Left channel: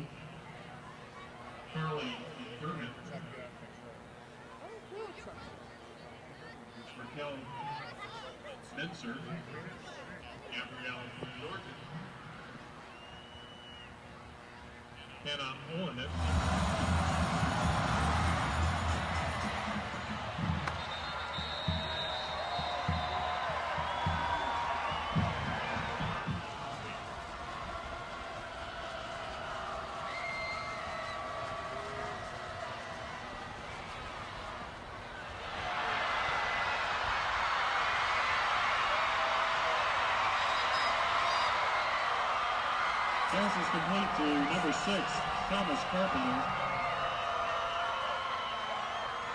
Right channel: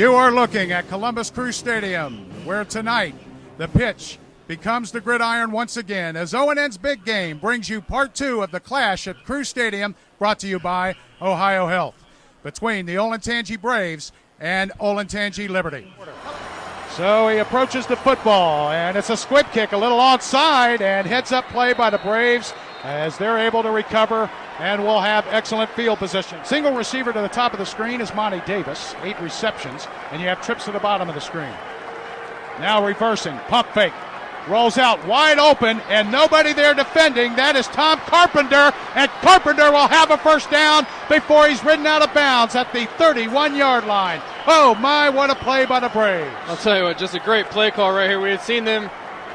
You are looking at Columbus Crew Stadium, where tonight the pitch becomes the gridiron once again as O&N's Big Game brings you part two of the clash at Crew Stadium, brought to you by Ohio Health, between the Olentangy Braves and Olentangy Liberty. So he approaches the football, and it's a squib kick, a little onside, and heads up play by the Braves as they're able to recover and will have excellent field position. Single receiver to the top of the screen is Monty Davis, 8 receptions, and you have trips to the bottom of the screen. Now reversing, pump fake, rolls out wide open, and nobody there defending. That is Tom Carpenter, and Carpenter will have a first down before he's ridden out of bounds at the 31-yard line. Oh my, what a play by the Braves. I'll tell you what, just a great play call right here. We had seen them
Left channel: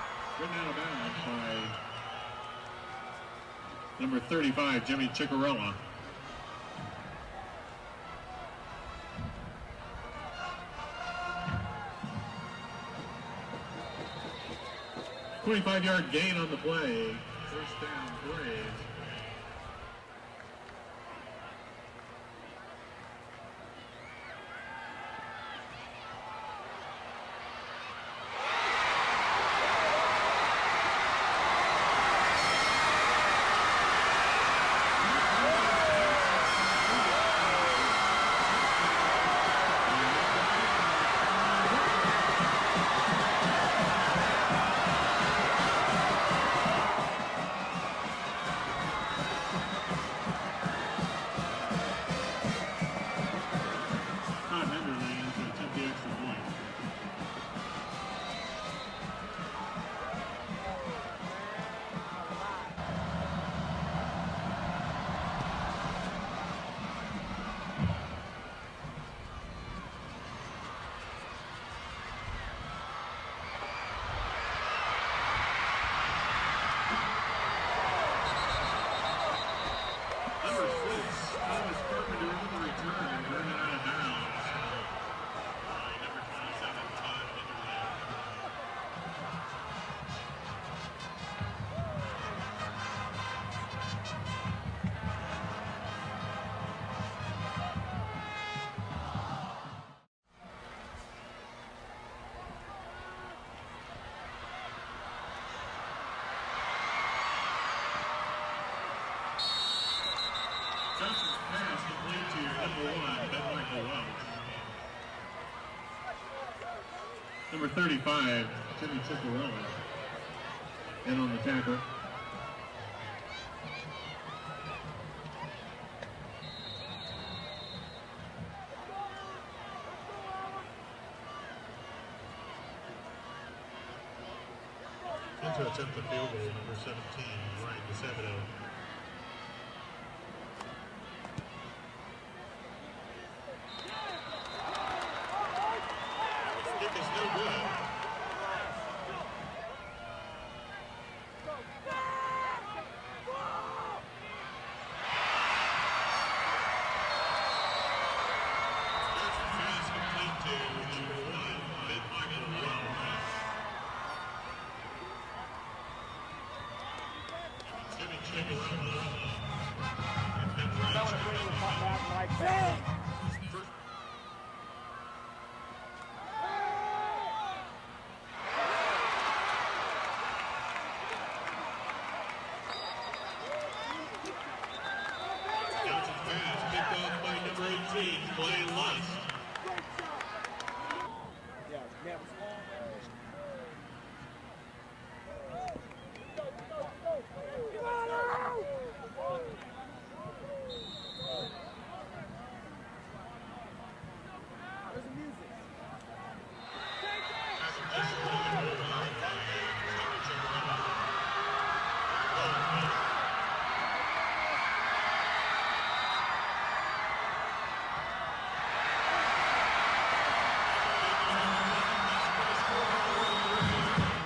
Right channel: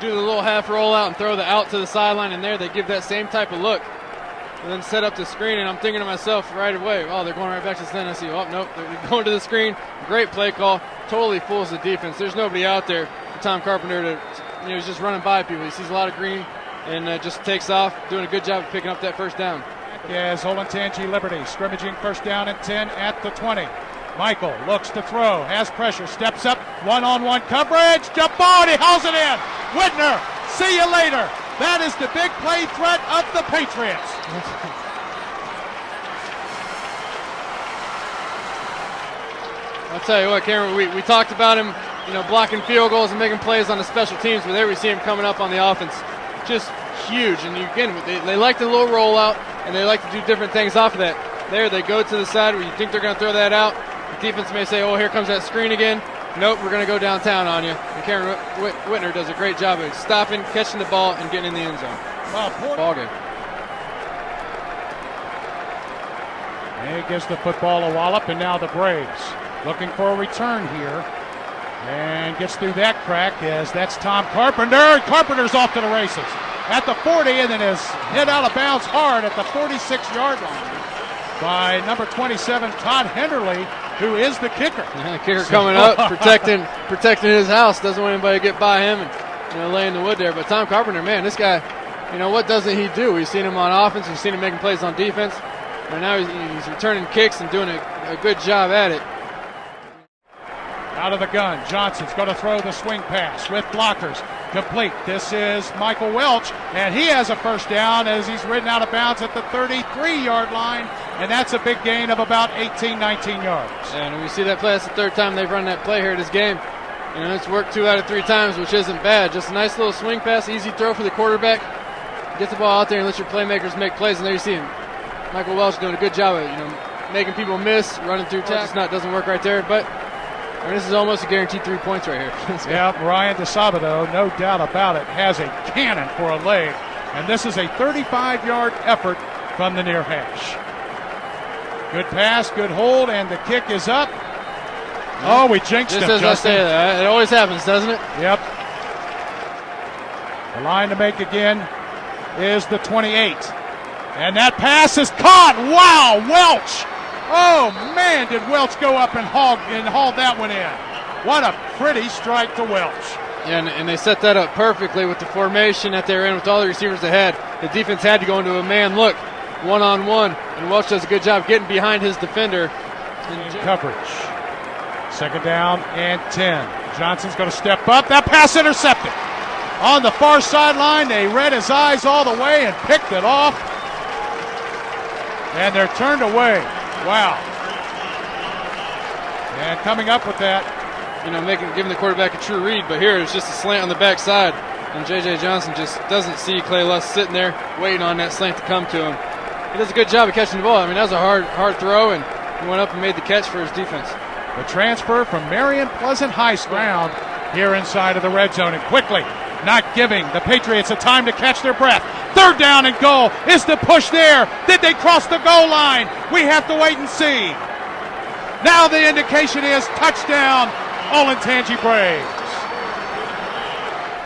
do the little half rollout and throw the out to the sideline, and there they give that same type of look and then set up the screen, and I'm thinking to myself right away, oh, they're going right back to the stand. I see, oh, nope, they're going to the screen. Great play call, totally fools the defense. There's nobody out there for Tom Carpenter to, he's just running by people. He sees a lot of green and just takes off, doing a good job of picking up that first down. As Olentangy Liberty scrimmaging first down and 10 at the 20. Michael looks to throw, has pressure, steps up, one-on-one coverage, jump ball, and he hauls it in. Whitner, see you later. That is the big play threat of the Patriots. I'll tell you what, Cameron, we talked about him, blocking field goals and making plays on the special teams, but there we see him coming up on the offense. Just huge, and again, they like the little rollout, and they like to do different things off of that. There, they go to the side where you think they're going to throw that out. The defense may say, oh, here comes that screen again. Nope, we're going to go downtown on you. And Cameron Whitner does a great job of stopping, catching the ball, and getting in the end zone. Ball game. And he gives the football a wallop, and now the Braves looking for a return here. And gets through that crack as that's Tom Carpenter. Carpenter's off to the races at the 40, and then is hit out of bounds hard at the 46-yard line by number 27, Todd Henderly, who is the kicker. Yeah, the kicker coming up, protecting his house. Doesn't want anybody to get by him and lay in the wood there. But Tom Carpenter, man, this guy, what doesn't he do? We've seen him on offense. We've seen him making plays on defense. And now he's returning kicks and doing a good job at it. Out of the gun, Johnson's going to throw the swing pass with blockers. Complete. This is Michael Welch, and he has a first down as he's ridden out of bounds at the 33-yard line, and that's a big gain of about 18, 19 yards. And we see that play. That's the third time they've run that play here this game. It's worked 2 out of 3 times, which isn't bad. Just a nice little swing pass, easy throw for the quarterback. Get the ball out there and let your playmakers make plays, and there you see him. Michael Welch doing a good job of making people miss, running through tackles. It doesn't work right there, but this is almost a guaranteed 3 points right here. Yeah, Ryan DeSabato, no doubt about it, has a cannon for a leg. And this is a 35-yard effort from the near hash. Good pass, good hold, and the kick is up. Oh, we jinxed him, Just as Justin. I say that. It always happens, doesn't it? Yep. The line to make again is the 28. And that pass is caught. Wow, Welch. Oh, man, did Welch go up and haul that one in. What a pretty strike to Welch. Yeah, and they set that up perfectly with the formation that they're in with all the receivers they had. The defense had to go into a man look, one-on-one, and Welch does a good job getting behind his defender. In coverage. Second down and 10. Johnson's going to step up. That pass intercepted. On the far sideline, they read his eyes all the way and picked it off. And they're turned away. Wow. And coming up with that. Giving the quarterback a true read, but here it's just a slant on the backside. And J.J. Johnson just doesn't see Clay Lust sitting there waiting on that slant to come to him. He does a good job of catching the ball. That was a hard throw, and he went up and made the catch for his defense. The transfer from Marion Pleasant High School here inside of the red zone, and quickly not giving the Patriots a time to catch their breath. Third down and goal. Is the push there? Did they cross the goal line? We have to wait and see. Now the indication is touchdown, Olentangy Braves.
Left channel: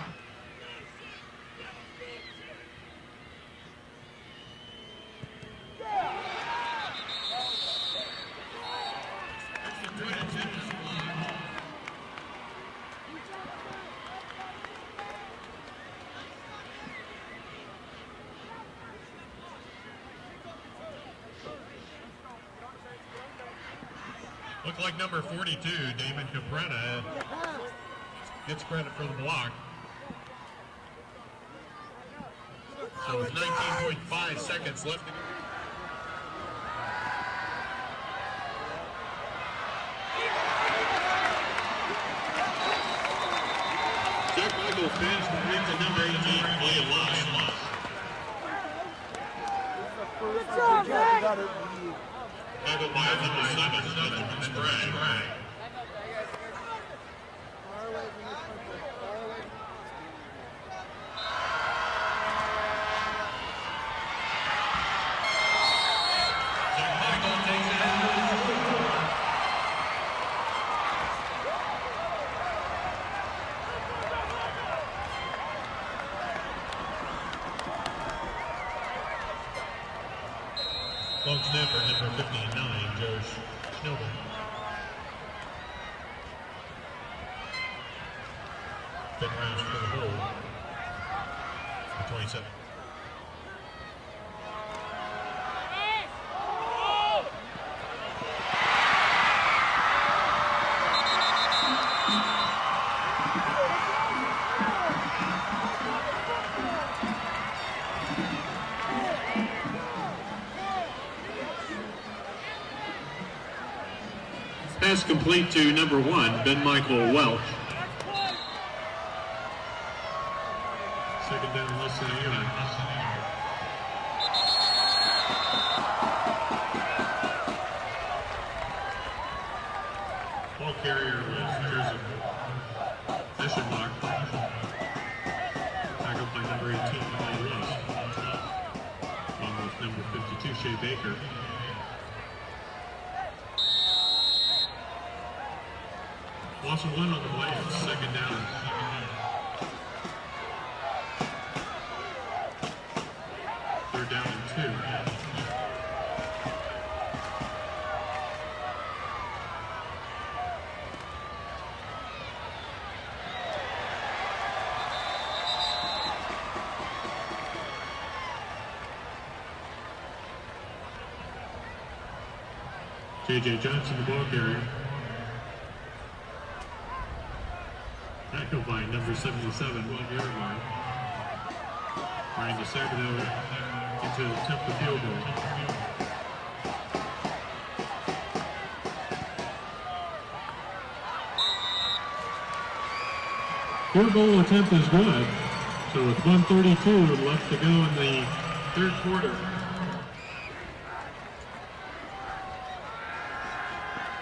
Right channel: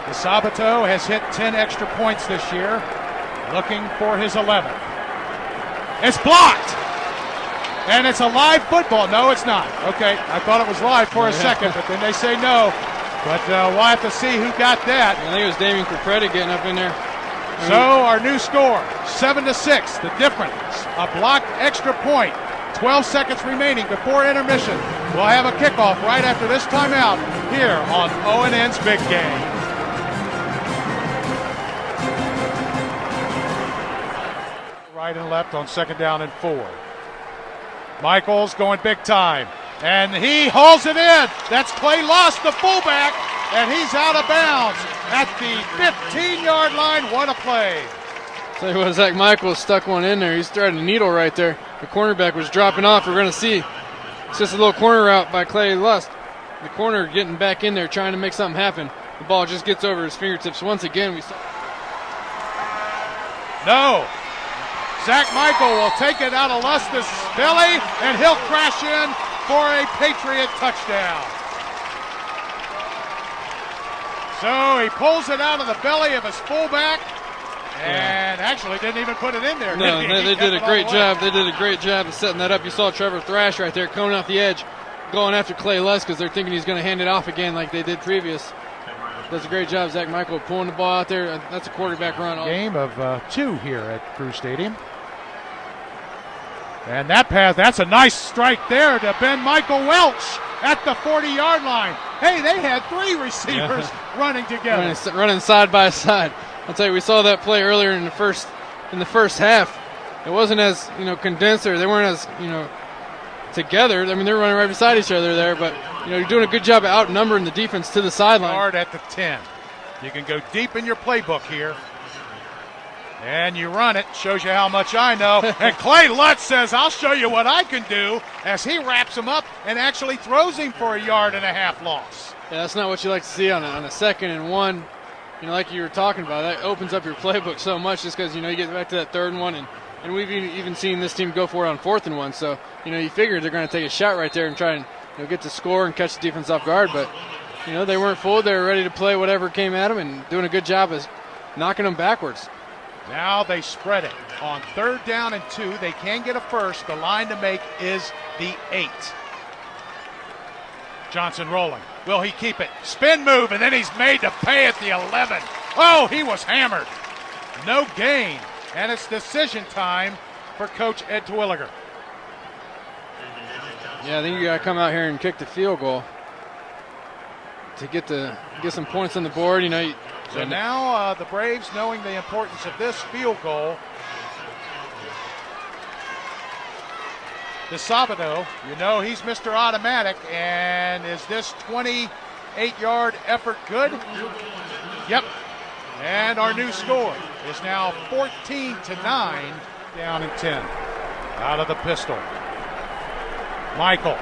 DeSabato has hit 10 extra points this year, looking for his 11th. It's blocked. And it's a live football. No, it's not. Okay, I thought it was live for a second, but then they say no. But we'll have to see who got that. I think it was Damian Capretta getting up in there. So our new score, 7-6. The difference, a blocked extra point 12 seconds remaining before intermission. We'll have a kickoff right after this timeout here on O&N's Big Game. Right and left on 2nd down and 4. Michaels going big time, and he hauls it in. That's Clay Lust, the fullback, and he's out of bounds at the 15-yard line. What a play. Tell you what, Zach Michaels stuck one in there. He's threading a needle right there. The cornerback was dropping off. We're going to see. It's just a little corner route by Clay Lust. The corner getting back in there, trying to make something happen. The ball just gets over his fingertips. Once again, we saw. No. Zach Michael will take it out of Lust's belly, and he'll crash in for a Patriot touchdown. So he pulls it out of the belly of his fullback, and actually didn't even put it in there. No, they did a great job. They did a great job of setting that up. You saw Trevor Thrash right there coming off the edge, going after Clay Lust because they're thinking he's going to hand it off again like they did previous. Does a great job, Zach Michael, pulling the ball out there. That's a quarterback run. Game of 2 here at Crew Stadium. And that pass, that's a nice strike there to Ben Michael Welch at the 40-yard line. Hey, they had 3 receivers running together. Running side by side. I'll tell you, we saw that play earlier in the first half. It wasn't as condensed, or they weren't as together. I mean, they're running right beside each other there, but you're doing a good job of outnumbering the defense to the sideline. Hard at the 10. You can go deep in your playbook here. And you run it, shows you how much I know. And Clay Lutz says, I'll show you what I can do, as he wraps him up and actually throws him for a 1.5 yard loss. Yeah, that's not what you like to see on a 2nd and 1. Like you were talking about, that opens up your playbook so much just because, you get back to that 3rd and 1. And we've even seen this team go for it on 4th and 1. So, you figure they're going to take a shot right there and try and get the score and catch the defense off guard. But, they weren't fooled. They were ready to play whatever came at them and doing a good job of knocking them backwards. Now they spread it. On 3rd down and 2, they can get a first. The line to make is the 8. Johnson rolling. Will he keep it? Spin move, and then he's made to pay at the 11. Oh, he was hammered. No gain, and it's decision time for Coach Ed Twilliger. Yeah, I think you got to come out here and kick the field goal to get some points on the board. So now the Braves, knowing the importance of this field goal, DeSabado, he's Mr. Automatic, and is this 28-yard effort good? Yep. And our new score is now 14-9, down in 10. Out of the pistol. Michael.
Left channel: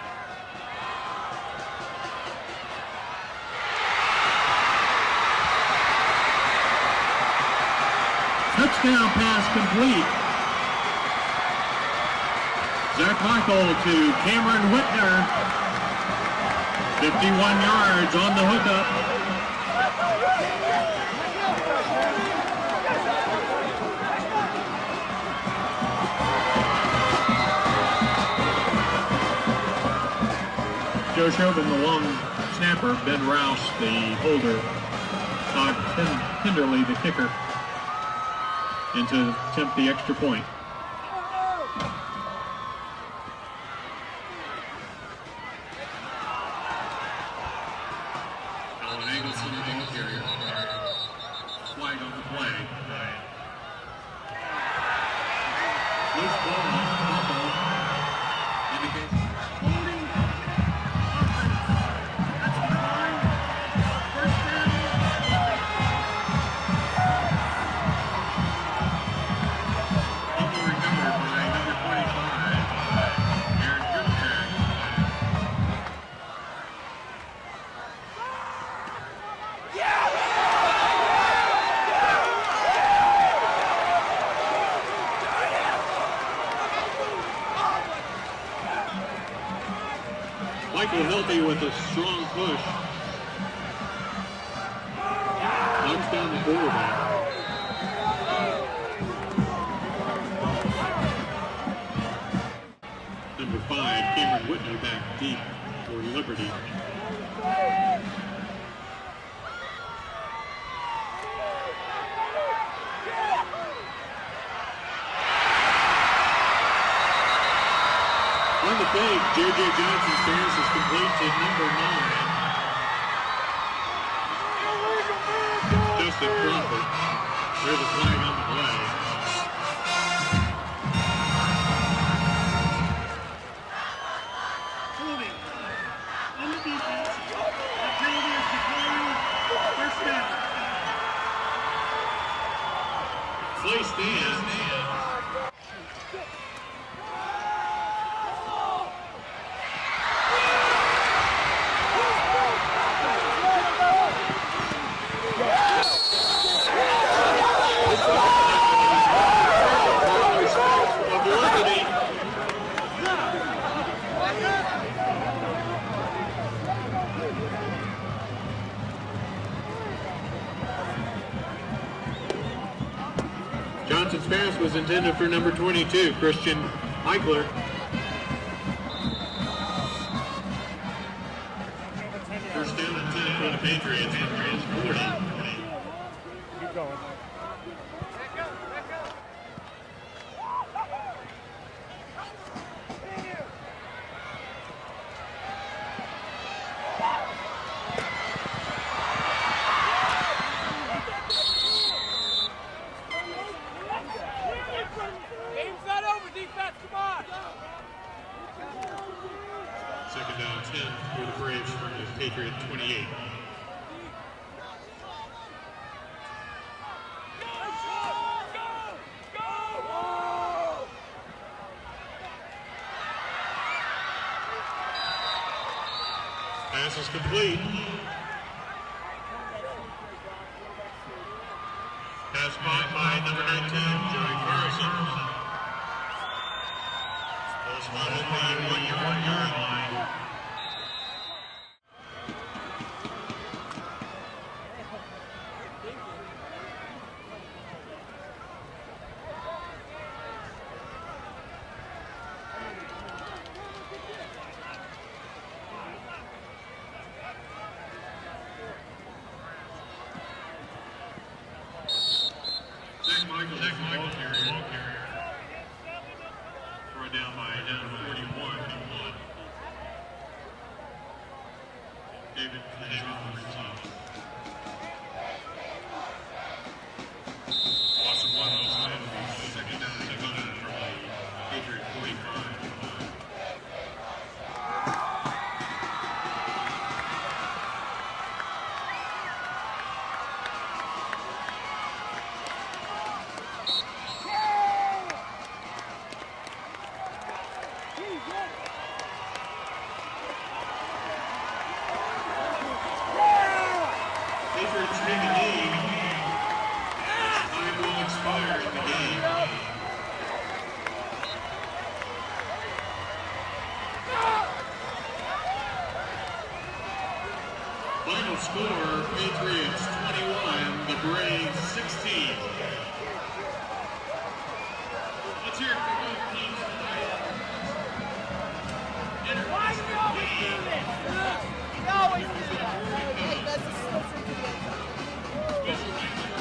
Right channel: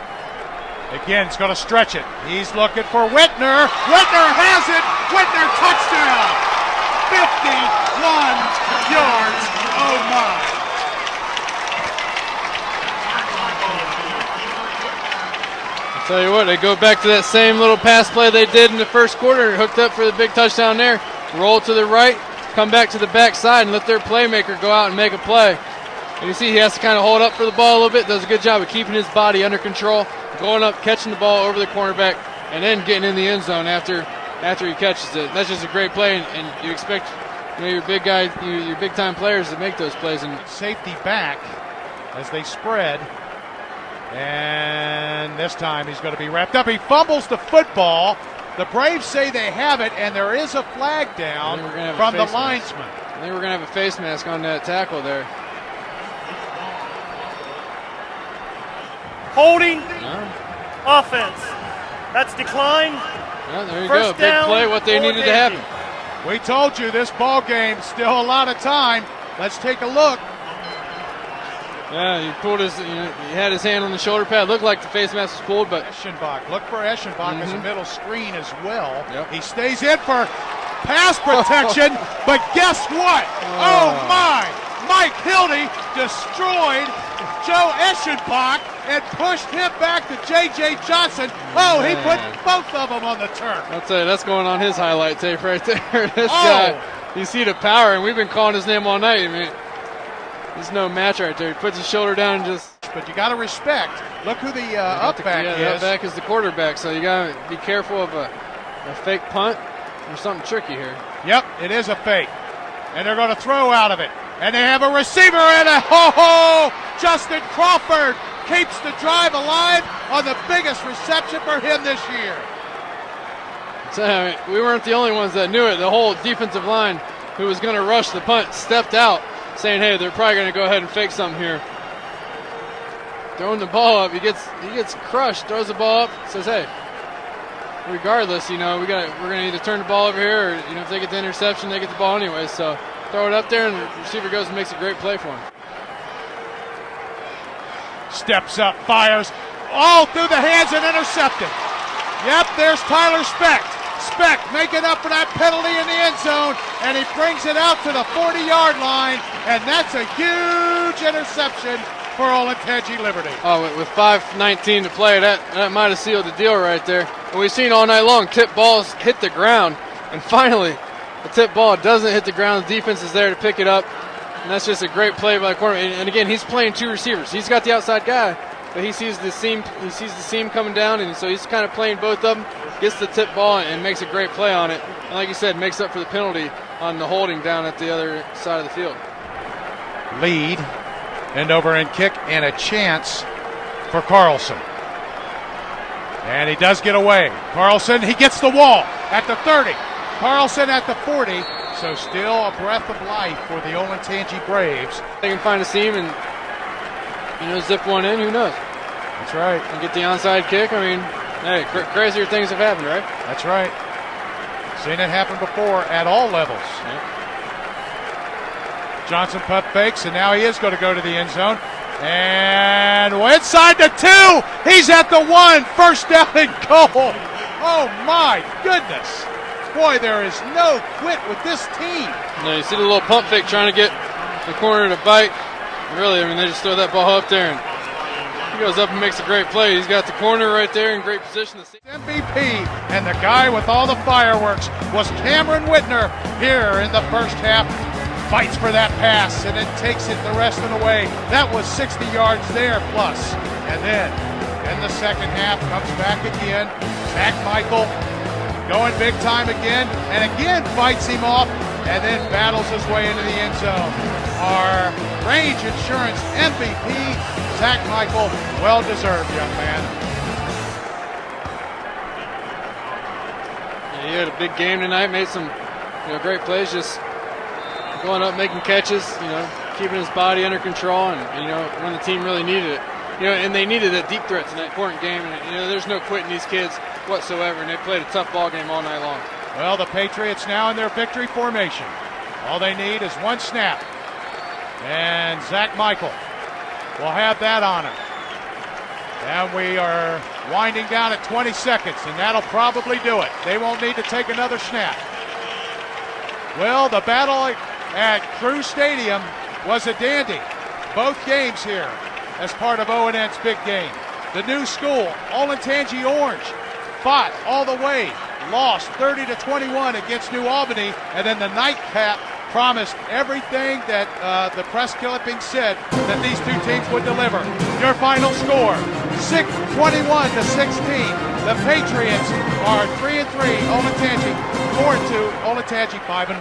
Again, he's going to stretch it. He's looking for Whitner. Whitner has it. Whitner touchdown. 51 yards. Oh my. Cameron Whitner. Tell you what, they go back to that same little pass play they did in the first quarter, hooked up for the big touchdown there, roll to the right, come back to the backside and let their playmaker go out and make a play. You see he has to kind of hold up for the ball a little bit, does a good job of keeping his body under control, going up, catching the ball over the cornerback, and then getting in the end zone after he catches it. That's just a great play, and you expect your big guys, your big-time players to make those plays. Safety back as they spread, and this time he's going to be wrapped up. He fumbles the football. The Braves say they have it, and there is a flag down from the linesman. I think we're going to have a face mask on that tackle there. Holding offense. That's declined. Well, there you First go. Big down, play, what they needed to happen. We told you this ball game, still a lot of time. Let's take a look. Yeah, he had his hand on the shoulder pad. Looked like the face mask was pulled, but Eschenbach. Look for Eschenbach as a middle screen as well. Yep. He stays in for pass protection, but guess what? Oh my! Mike Hildy destroyed Joe Eschenbach and pushed him back to J.J. Johnson. Oh, he put both of them on the turf. I'll tell you, that's going on his highlight tape right there. This guy, you see the power, and we've been calling his name all night. I mean, it's no match right there. He puts his shoulder down and just. But you got to respect. Look who the upback is. The upback is the quarterback, so you got to be careful of a fake punt or something tricky here. Yep, it is a fake. And they're going to throw out of it. And they have a receiver and a ho-ho! Justin Crawford keeps the drive alive on the biggest reception for him this year. So, we weren't the only ones that knew it. The whole defensive line who was going to rush the punt stepped out, saying, hey, they're probably going to go ahead and fake something here. Throwing the ball up, he gets crushed, throws the ball up, says, hey, regardless, we're going to either turn the ball over here or if they get the interception, they get the ball anyway. So throw it up there and the receiver goes and makes a great play for him. Steps up, fires, all through the hands and intercepted. Yep, there's Tyler Speck. Speck making up for that penalty in the end zone, and he brings it out to the 40-yard line, and that's a huge interception for Olentangy Liberty. Oh, with 5:19 to play, that might have sealed the deal right there. We've seen all night long tip balls hit the ground, and finally, a tip ball doesn't hit the ground. The defense is there to pick it up. And that's just a great play by the quarterback. And again, he's playing two receivers. He's got the outside guy, but he sees the seam. He sees the seam coming down, and so he's kind of playing both of them. Gets the tip ball and makes a great play on it. And like you said, makes up for the penalty on the holding down at the other side of the field. Lead, end over end kick, and a chance for Carlson. And he does get away. Carlson, he gets the wall at the 30. Carlson at the 40. So still a breath of life for the Olentangy Braves. They can find a seam and zip one in. Who knows? That's right. And get the onside kick. I mean, hey, crazier things have happened, right? That's right. Seen it happen before at all levels. Yep. Johnson punt fakes, and now he is going to go to the end zone. And inside the 2, he's at the 1, first down and goal. Oh my goodness. Boy, there is no quit with this team. Yeah, you see the little pump fake trying to get the corner to bite. Really, I mean, they just throw that ball up there, and he goes up and makes a great play. He's got the corner right there in great position. MVP, and the guy with all the fireworks was Cameron Whitner here in the first half. Fights for that pass and then takes it the rest of the way. That was 60 yards there plus. And then in the second half comes back again. Zach Michael going big time again and again fights him off and then battles his way into the end zone. Our range insurance MVP, Zach Michael, well deserved, young man. Yeah, he had a big game tonight, made some great plays, just going up, making catches, keeping his body under control, and when the team really needed it, and they needed a deep threat in that important game. And, there's no quitting these kids whatsoever, and they played a tough ball game all night long. Well, the Patriots now in their victory formation. All they need is one snap, and Zach Michael will have that on him. And we are winding down at 20 seconds, and that'll probably do it. They won't need to take another snap. Well, the battle at Crew Stadium was a dandy. Both games here as part of O&N's big game. The new school, Olentangy Orange, fought all the way, lost 30-21 against New Albany, and then the nightcap promised everything that the press clipping said that these two teams would deliver. Your final score, 21-16. The Patriots are 3-3, Olentangy 4-2, Olentangy 5-1.